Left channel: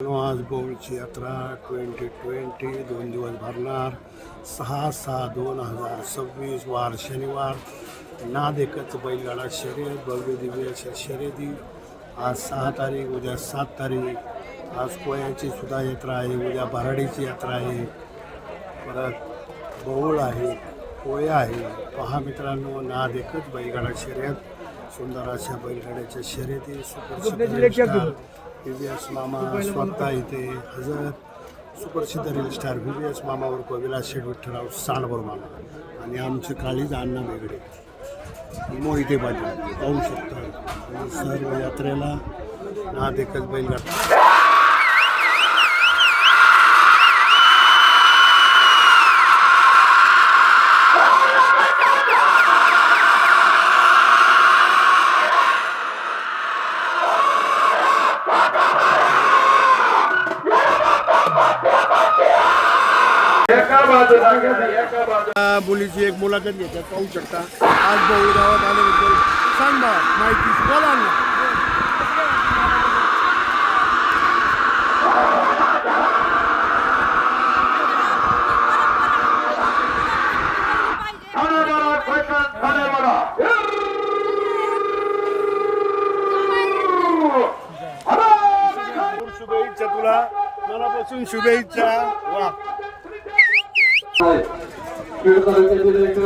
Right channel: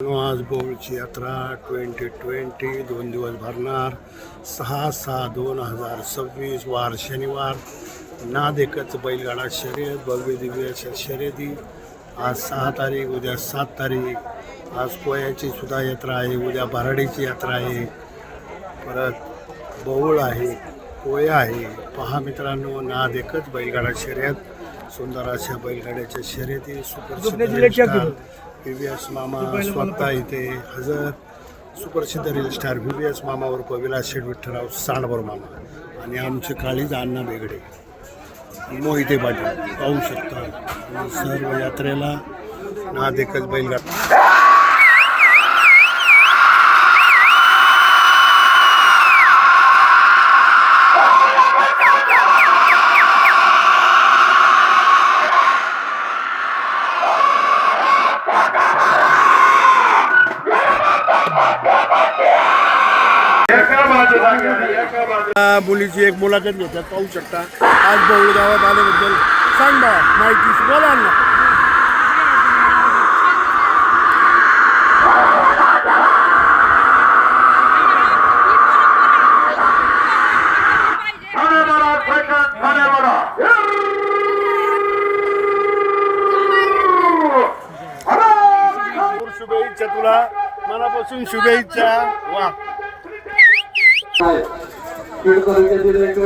आज बौळची यात्रा 2020 2 दिवस भरणार 6/6/2026 वार शनिवार. नाद एकच बैलगाडा शर्यत भव्य दिव्य शर्यती. आज 6 तारीख, उद्या 7 तारीख. आज कोयाची सुद्धा यात्रा आहे, उद्या भराडीची यात्रा आहे, परत बौळ आहे, कोया आहे. पहा मित्रांनो, नाद एकच बैलगाडा शर्यत. सुंदर अशा बैलगाड्याच्या शर्यती. सुप्रसिद्ध VVS मामा स्वतः इथे हजर. सुप्रसिद्ध रील स्टार VVS मामा उर्फ विलास शेठ विठ्ठलराव सांडभर मामा आणि आमचे काळीज अण्णा बेगडे, मोहिते पाटील पाहू शकता. सर्व यात्रेला नाद एकच बैलगाडा. मुलीची एक मुलाखत घेतात, पाहू शकता. आज बौळ गावात आल्याबद्दल सांगा माहिती, बोला ना. शुभेच्छा तुला, मनापासून शुभेच्छा. वा, खेड तालुक्यातील एक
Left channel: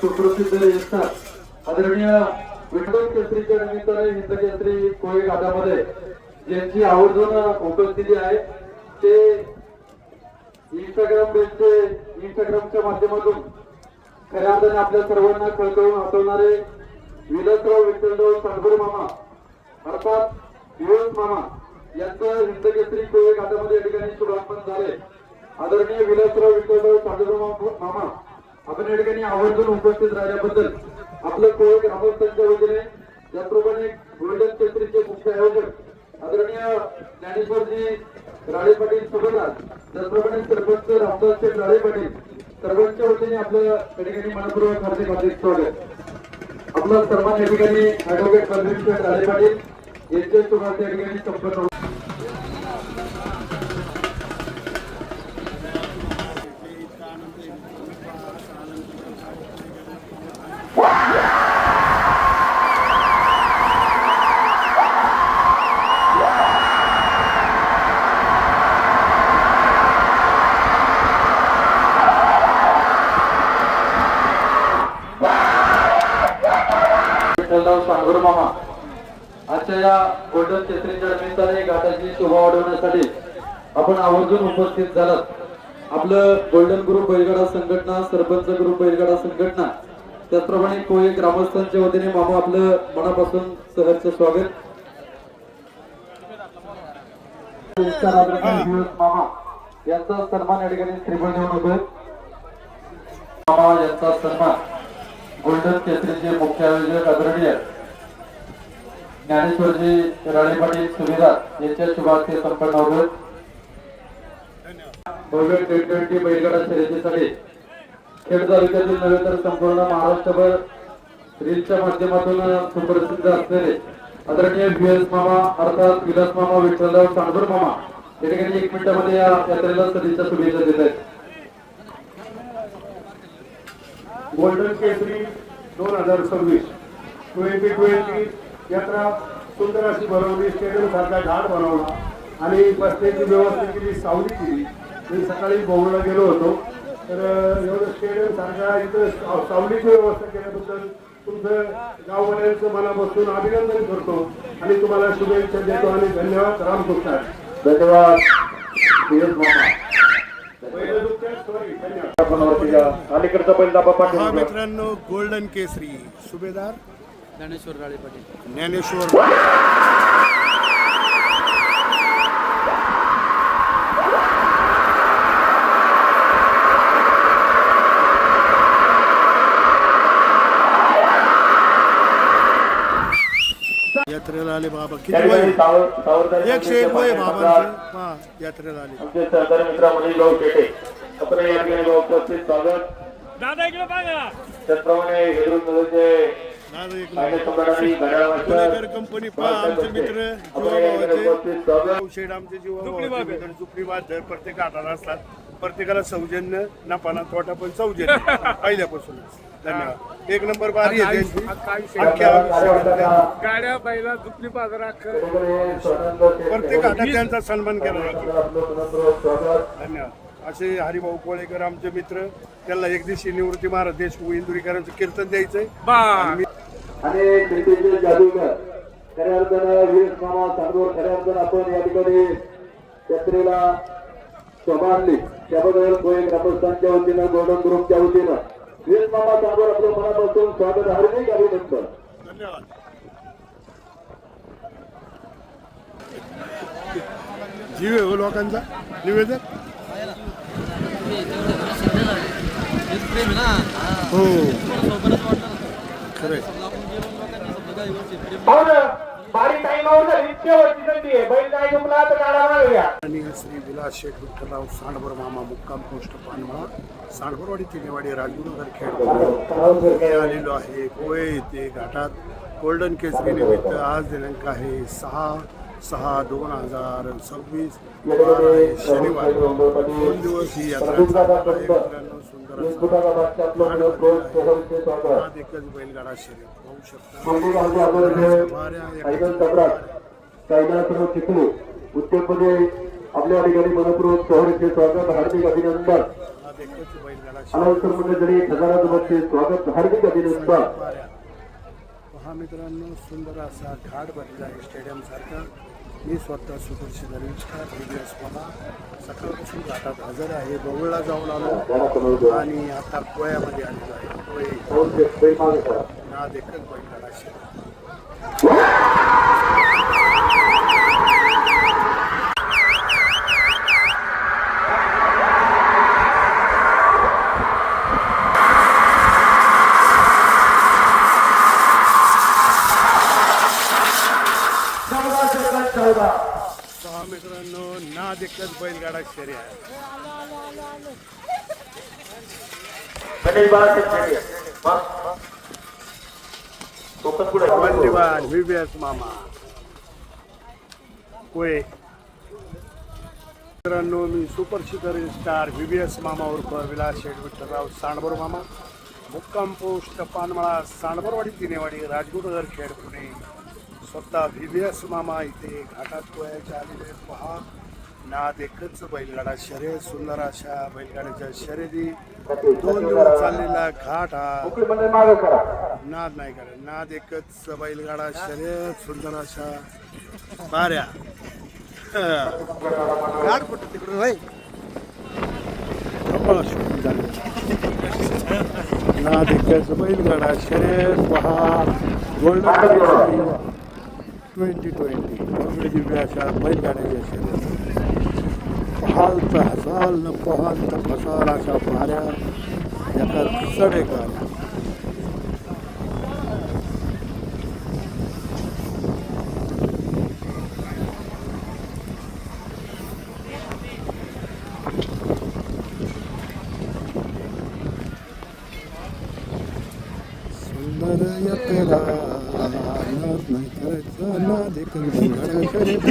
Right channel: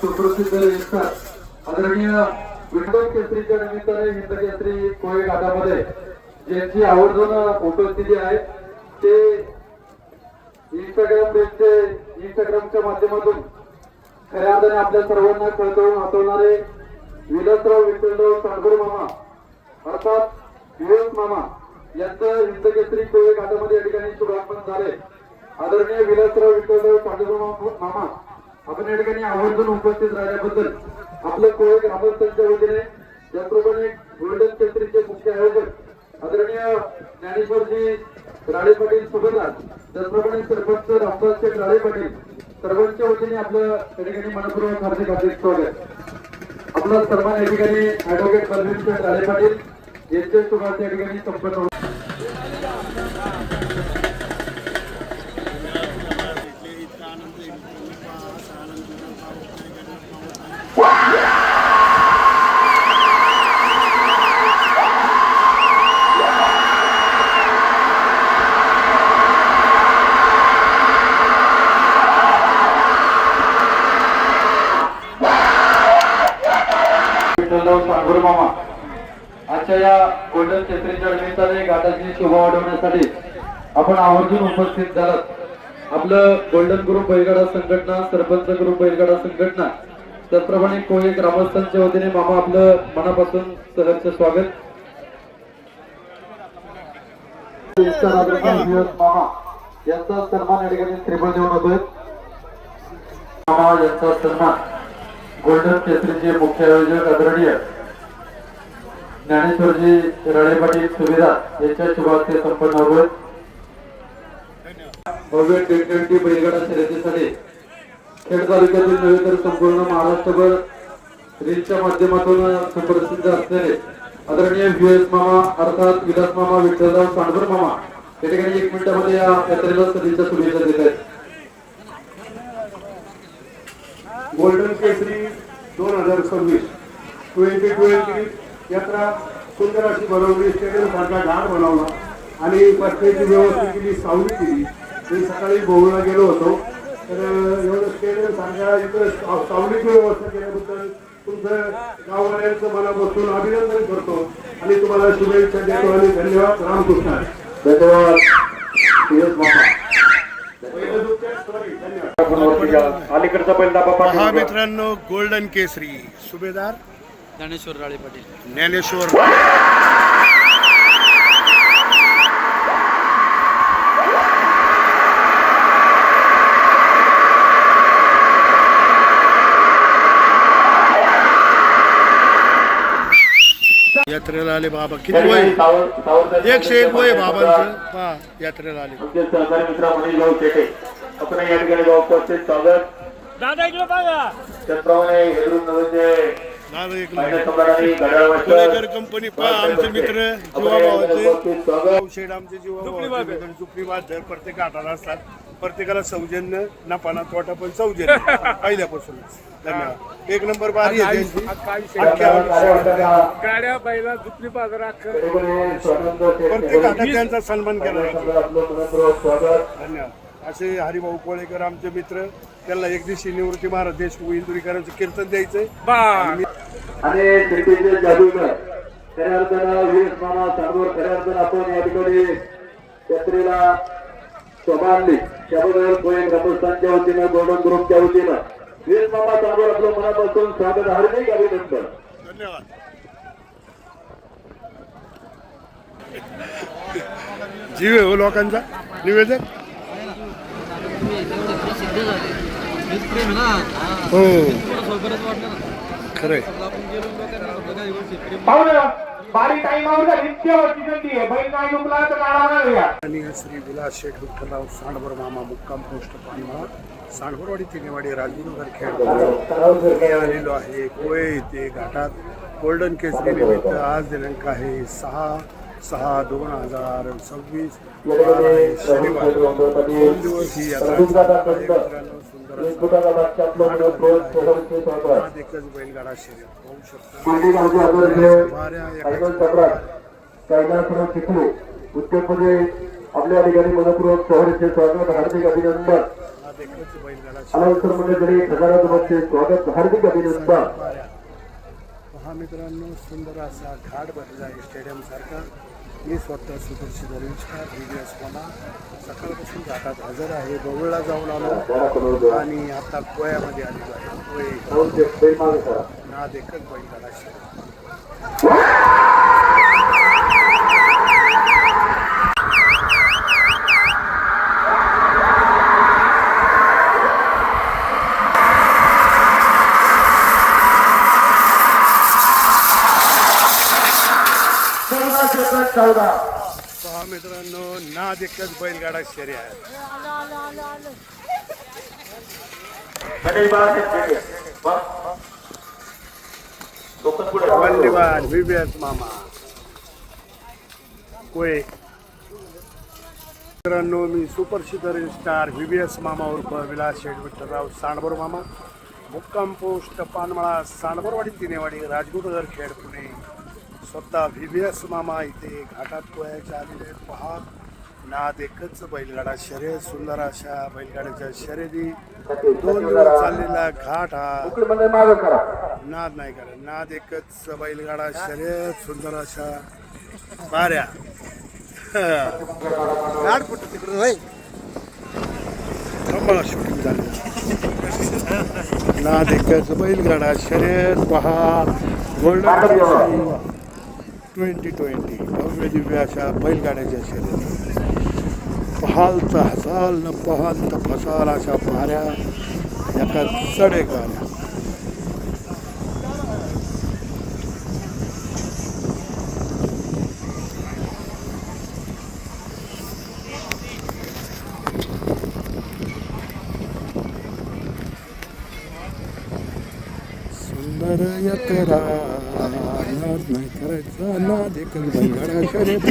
सुप्रसिद्ध यशस्वी आदरणीय विठ्ठल केसरीच्या निमित्ताने हिंद केसरी कोळी घाटामध्ये ज्यांची आवर्जून उपस्थिती आहे ते इंस्टाग्रामच्या माध्यमातून खऱ्या अर्थाने आपल्या सर्वांना कळकळून हसवणारे विलासराव विठ्ठलराव सांडभर मामा अर्थात VVS मामा यांचं हिंद केसरी कोळी घाटामध्ये या ठिकाणी शुभारंभ झाले. आदरणीय विलासराव विठ्ठलराव सांडभर मामा आपण या ठिकाणी आवर्जून उपस्थित राहिल्याबद्दल आपलं कोळी ग्रामस्थांच्या वतीने, त्याचप्रमाणे गोल्डन केसरीचे मुख्य आयोजक आदरणीय ज्ञानेश्वरजी राळे पाटील सुभेदार, त्याचप्रमाणे सरपंच रामदास शेठ राळे पाटील, सर्वांच्या वतीने आपलं या ठिकाणी मनपूर्वक हार्दिक स्वागत. आपला सन्मान या ठिकाणी ऍडव्होकेट बलवीर शेठ राळे पाटील यांच्या शुभार्थ या ठिकाणी संपन्न होतो. सांगूर मामा आजच्या या गोल्डन केसरीच्या निमित्ताने घाटाची शोभा वाढवण्यासाठी आपण आवर्जून उपस्थित झालात. आपलं गोल्डन ग्रुप बैलगाडा संघटना, सरपंच ग्रुप बैलगाडा संघटना, त्याचप्रमाणे कोळी ग्रामस्थांच्या वतीने मामा आपलं मनापासून सहर्ष स्वागत. मामा यांचा सन्मान या ठिकाणी त्रिफळ देऊन होतोय. मामा यांचा सन्मान गोल्डन केसरीचे मुख्य आयोजक आदरणीय ज्ञानेश्वरजी राळे पाटील सुभेदार यांच्या शुभार्थे संपन्न होतोय. भव्य T20 बैलगाडा शर्यतीसाठी खेड तालुक्यातील नव्हे तर संपूर्ण महाराष्ट्रभर रीलच्या माध्यमातून सुप्रसिद्ध असलेले आदरणीय VVS मामा अर्थात विलास मामा विठ्ठलराव सांडभर मामा या ठिकाणी 1 मिनिटामध्ये या यात्रेला सदिच्छा शुभेच्छा देत आहेत. गोल्डन केसरी 2026 यात्रा सुंदर अशी भरवली. स्टेडियम सारखा घाट बनवला आणि रस्त्याची व्यवस्था केली, सावली केली. मी सकाळी बौळला गेलो होतो, तर स्टेडियम सारख्या इथं सावलीची व्यवस्था केल्याबद्दल तुमचं गाववाल्यांचं मनापासून अभिनंदन करतो आणि तुम्हाला शुभेच्छा देतो आणि धन्यवाद. रामकृष्ण. धन्यवाद. हा मित्रांनो, गोल्डन केसरी सुभेदार ज्ञानेश्वर राळे पाटील, ज्ञानेश्वर यात्रेला आले. बाबा किती वय? 101 वय बाबांचं. पहा यात्रेला आले. सहकारी मित्रांनी लोक येते आपण या ठिकाणी उपस्थित स्वागत. दादा इकडे बघा. त्याचप्रमाणे दादा एक नंबर. पुणेकर कंपनी पहा आमचे मित्र जीवाभावाचे शेड आमचे जीवाभावाचे मित्र जुपरीबाद प्रत्येक घाटाला असतात. प्रत्येकाला सौजन्य नफाना तोटा पण सौजन्य पहिल्यापासूनच. धन्यवाद. एक नंबर बारी आहे त्यांची. गाड्या बैला दुपरी बाजारात प्रत्येक घाटात त्यांचा सन्मान केला जातो. धन्यवाद. असे हरिभाऊ कोळेकर आमचे मित्र. त्यांना एक दिवशी निवृत्ती महाराज देशमुख इंदुरीकरांचं कीर्तन द्यायचंय. आणि दिल्लीचे जादूगर खऱ्या अर्थानं वीस मामा सांगोर खऱ्या अर्थानं आपण या ठिकाणी यात्रेला शोभा आणली. त्याबद्दल गोयल ग्रामस्थांच्या वतीनं गोल्डन ग्रुपच्या वतीनं वीस मामा सांगोर आपलं मनापासून स्वागत हार्दिक अभिनंदन. धन्यवाद. जीव आहे हो लोकांचा. निवेदन हो खरंय. आणि श्री विलास शेठ विठ्ठलराव सांडभर मामा मुक्काम पोस्ट पानवा सांडभरवाडी तिनेवाडी राजगुरुनगर खेड आलेलो आहे. कोळे येथे घाटात गोल्डन केसरी निमित्त आज दिनांक आहे 6/6/2026 शनिवार. 2 दिवस ही यात्रा मित्रांनो. सुंदर एकच बैलगाडा शर्यत पाहू शकता. उत्तर प्रदेश आपल्या ठिकाणी मनपूर्वक शहराचे स्वागत हार्दिक अभिनंदन. स्वागत हार्दिक अभिनंदन. पहा मित्रांनो सुंदर असा घाट भरलेला आहे स्टेडियम सारखा. मी स्वतः सुदर्शन रविचकार दिव्यास मला सकाळपासून घाटात हजर आहे. बवळला जाऊन आलो आणि आता कोयामध्ये आलेलो आहे. कोय नाद एकच बैलगाडा शर्यत. पहा मित्रांनो नाद एकच बैलगाडा शर्यत आहे. धन्यवाद. विवेस मामा कोय. मित्रांनो मी सुपर स्टार व्हीबीएस मामा उर्फ विलास शेठ विठ्ठलराव सांडभर मामा मुक्काम पोस्ट पानमळा सांडभरवाडी तिनेवाडी राजगुरुनगर खेड पुणे. स्वतः व्हीबीएस मामा इथे घाटात कोयाच्या आलेले. पहा नाद एकच बैलगाडा शर्यत. सुंदर अशा बैलगाड्याच्या शर्यती 2 दिवस चाललेला घाट हा. नाद नाही करा. नाद एकच बैलगाडा शर्यत. सुंदर अशा बाऱ्या घाट कुठे तिकडे शूटिंग झालं. नाद एकच बैलगाडा शर्यत. पहा गोल्डन 2020 भव्य दिव्य अशा बैलगाड्याच्या शर्यत. पहाल तर हसाल न पहाल तर फसाल अशा पाऱ्या एका चढेगाऱ्या. सुंदर यात्रा नाद नाही करायचा. नाद एकच बैलगाडा शर्यत.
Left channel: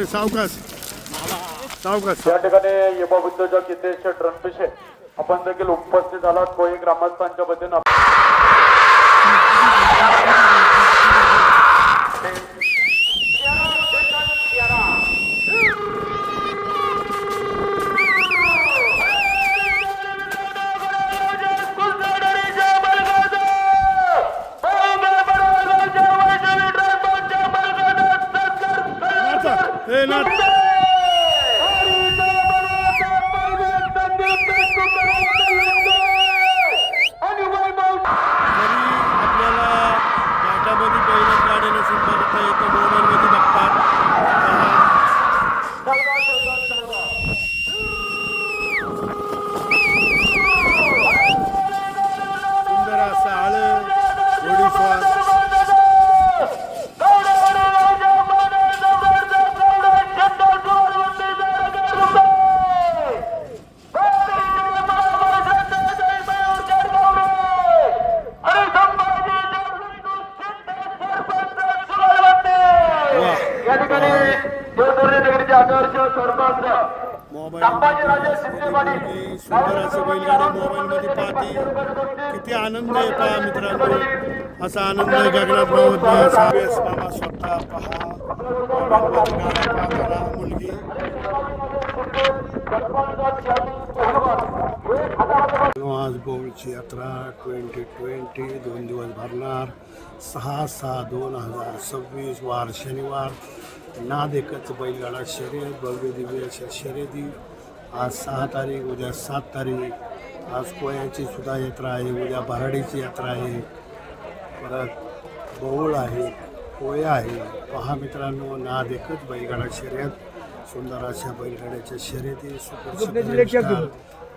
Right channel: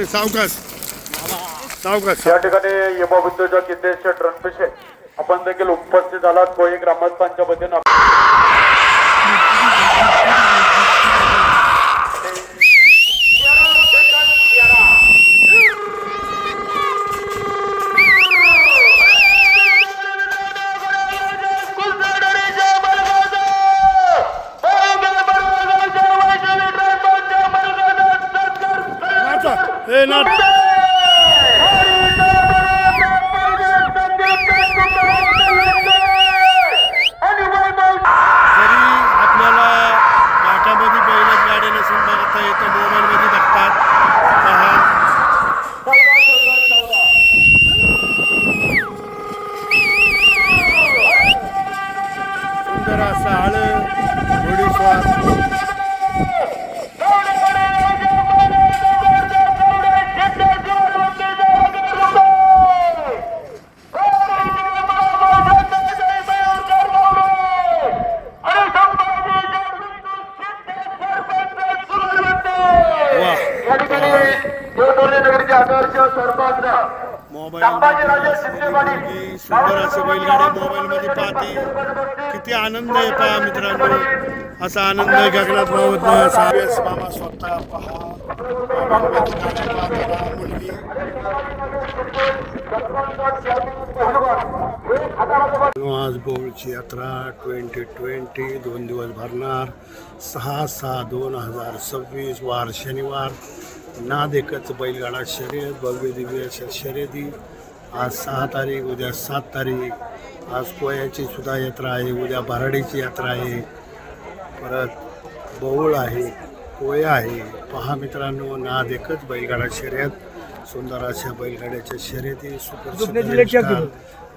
रे सावकाश सावकाश. या ठिकाणी युवा उद्योजक हितेश रणपिसे आपण देखील उपस्थित झालात. कोळी ग्रामस्थांच्या वतीनं ए नाथ जरी आपल्याला घाटामध्ये बैलच गाडी नसून बघता येतं, मोबाईलमध्ये बघतात. सुंदर असा आळ घोडेस्वार. सुंदर असे बैलगाडी मोबाईलमध्ये पाहते. किती आनंद आहे पहा मित्रांनो. असा आनंद गगनात मावत नाही. असा मामा स्वतः पहा मुलगी. आज बौळची यात्रा 2020 2 दिवस भरणार. 6/6/2026 वार शनिवार. नाद एकच बैलगाडा शर्यत, भव्य दिव्य अशा शर्यती. आज 6 तारीख, उद्या 7 तारीख. आज कोयाची सुद्धा यात्रा आहे, उद्या भराडीची यात्रा आहे, परत बौळ आहे, कोया आहे. पहा मित्रांनो, नाद एकच बैलगाडा शर्यत. सुंदर अशा बैलगाड्याच्या शर्यती. सुप्रसिद्ध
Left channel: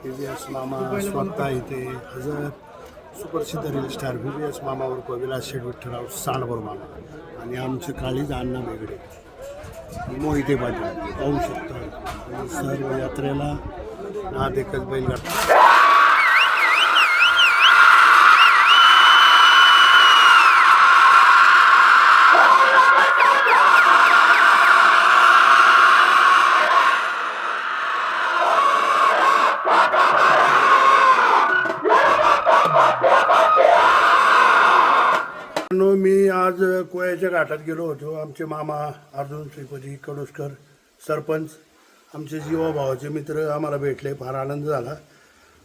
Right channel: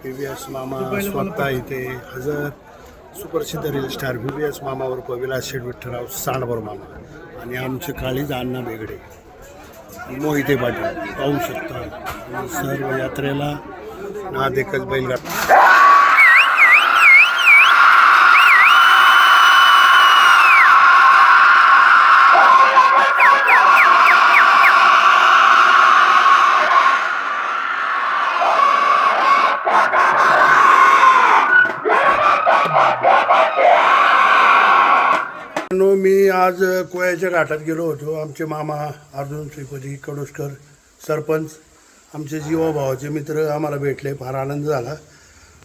VVS मामा स्वतः इथे हजर. सुप्रसिद्ध रील स्टार VVS मामा उर्फ विलास शेठ विठ्ठलराव सांडभर मामा आणि आमचे काळीज अण्णा बेगडे, मोहिते पाटील पाहू शकता. सर्व यात्रेला नाद एकच बैलगाडा. मी आज कोयाच्या घाटात गेलो होतो. आमचे मामा अर्जुन श्रीपती कडुसकर सरपंच, आमचे जीवाभावाचे मित्र आम्हाला भेटले. फार आनंद झाला.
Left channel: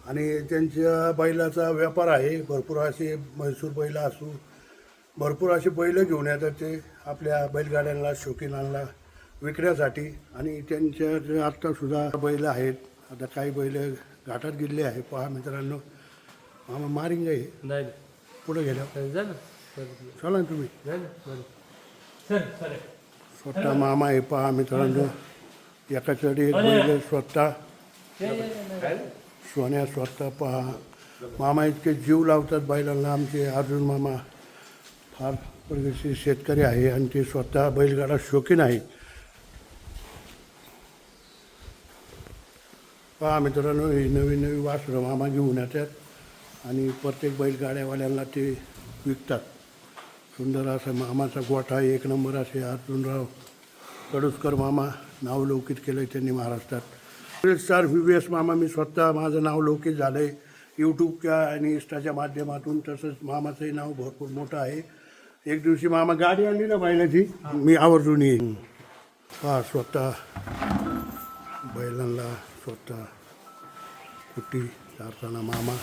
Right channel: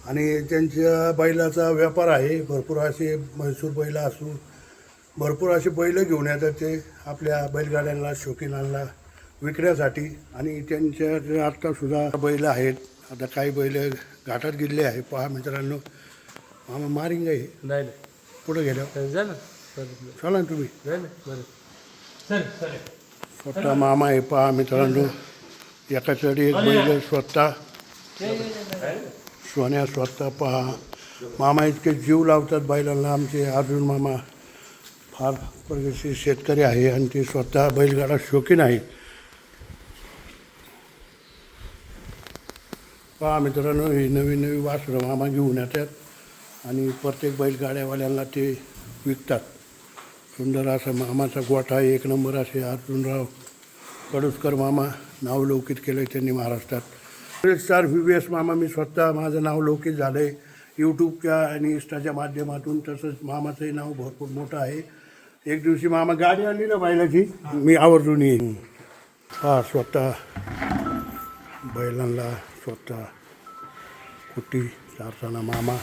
आणि त्यांच्या बैलाचा व्यापार आहे. भरपूर असे म्हैसूर बैल असू, भरपूर असे बैल घेऊन येतात ते आपल्या बैलगाड्यांना, शौकीनांना विकण्यासाठी. आणि त्यांच्या आत्तासुद्धा बैल आहेत. आता काही बैल घाटात गेले आहे. पहा मित्रांनो, मामा मारिंग आहे नाही पुढे गेल्यावर चला ना तुम्ही. स्वतः मामा आहे पहा मित्रांनो. एकासाठी एक बैल स्वतः सोन्या स्वतः पहा. मामा इतके जीव लावतात बैलांना. आमचे अर्जुन मामा फार प्रगतशील शेतकरी आहे आणि ते स्वतः बैलगाडा शौकीन आहे. पहा मित्रांनो, ही नवीन नवी वासरं मामा घेऊन येतात आणि प्रत्येक बैलगाड्यावाल्यांना ते विकतात. सुंदर असा मामाचा गोठा, एक नंबर असे अर्जुनराव कडुसकर मामा नावलौकित केलं आहे त्यांनी महाराष्ट्रात. स्टार VVS मामा मी स्वतः माझं नाव लौकिक झालं आहे यूट्यूबच्या आणि इंस्टाच्या माध्यमातून. तसंच मामाचंही नाव भरपूर मोठं आहे. एक दिवशी मामा गाडी आणली ना बैलाची, मी आवर्जून येईन. हा स्वतः बैलांना स्वतः कुट्टी चारताना मामा.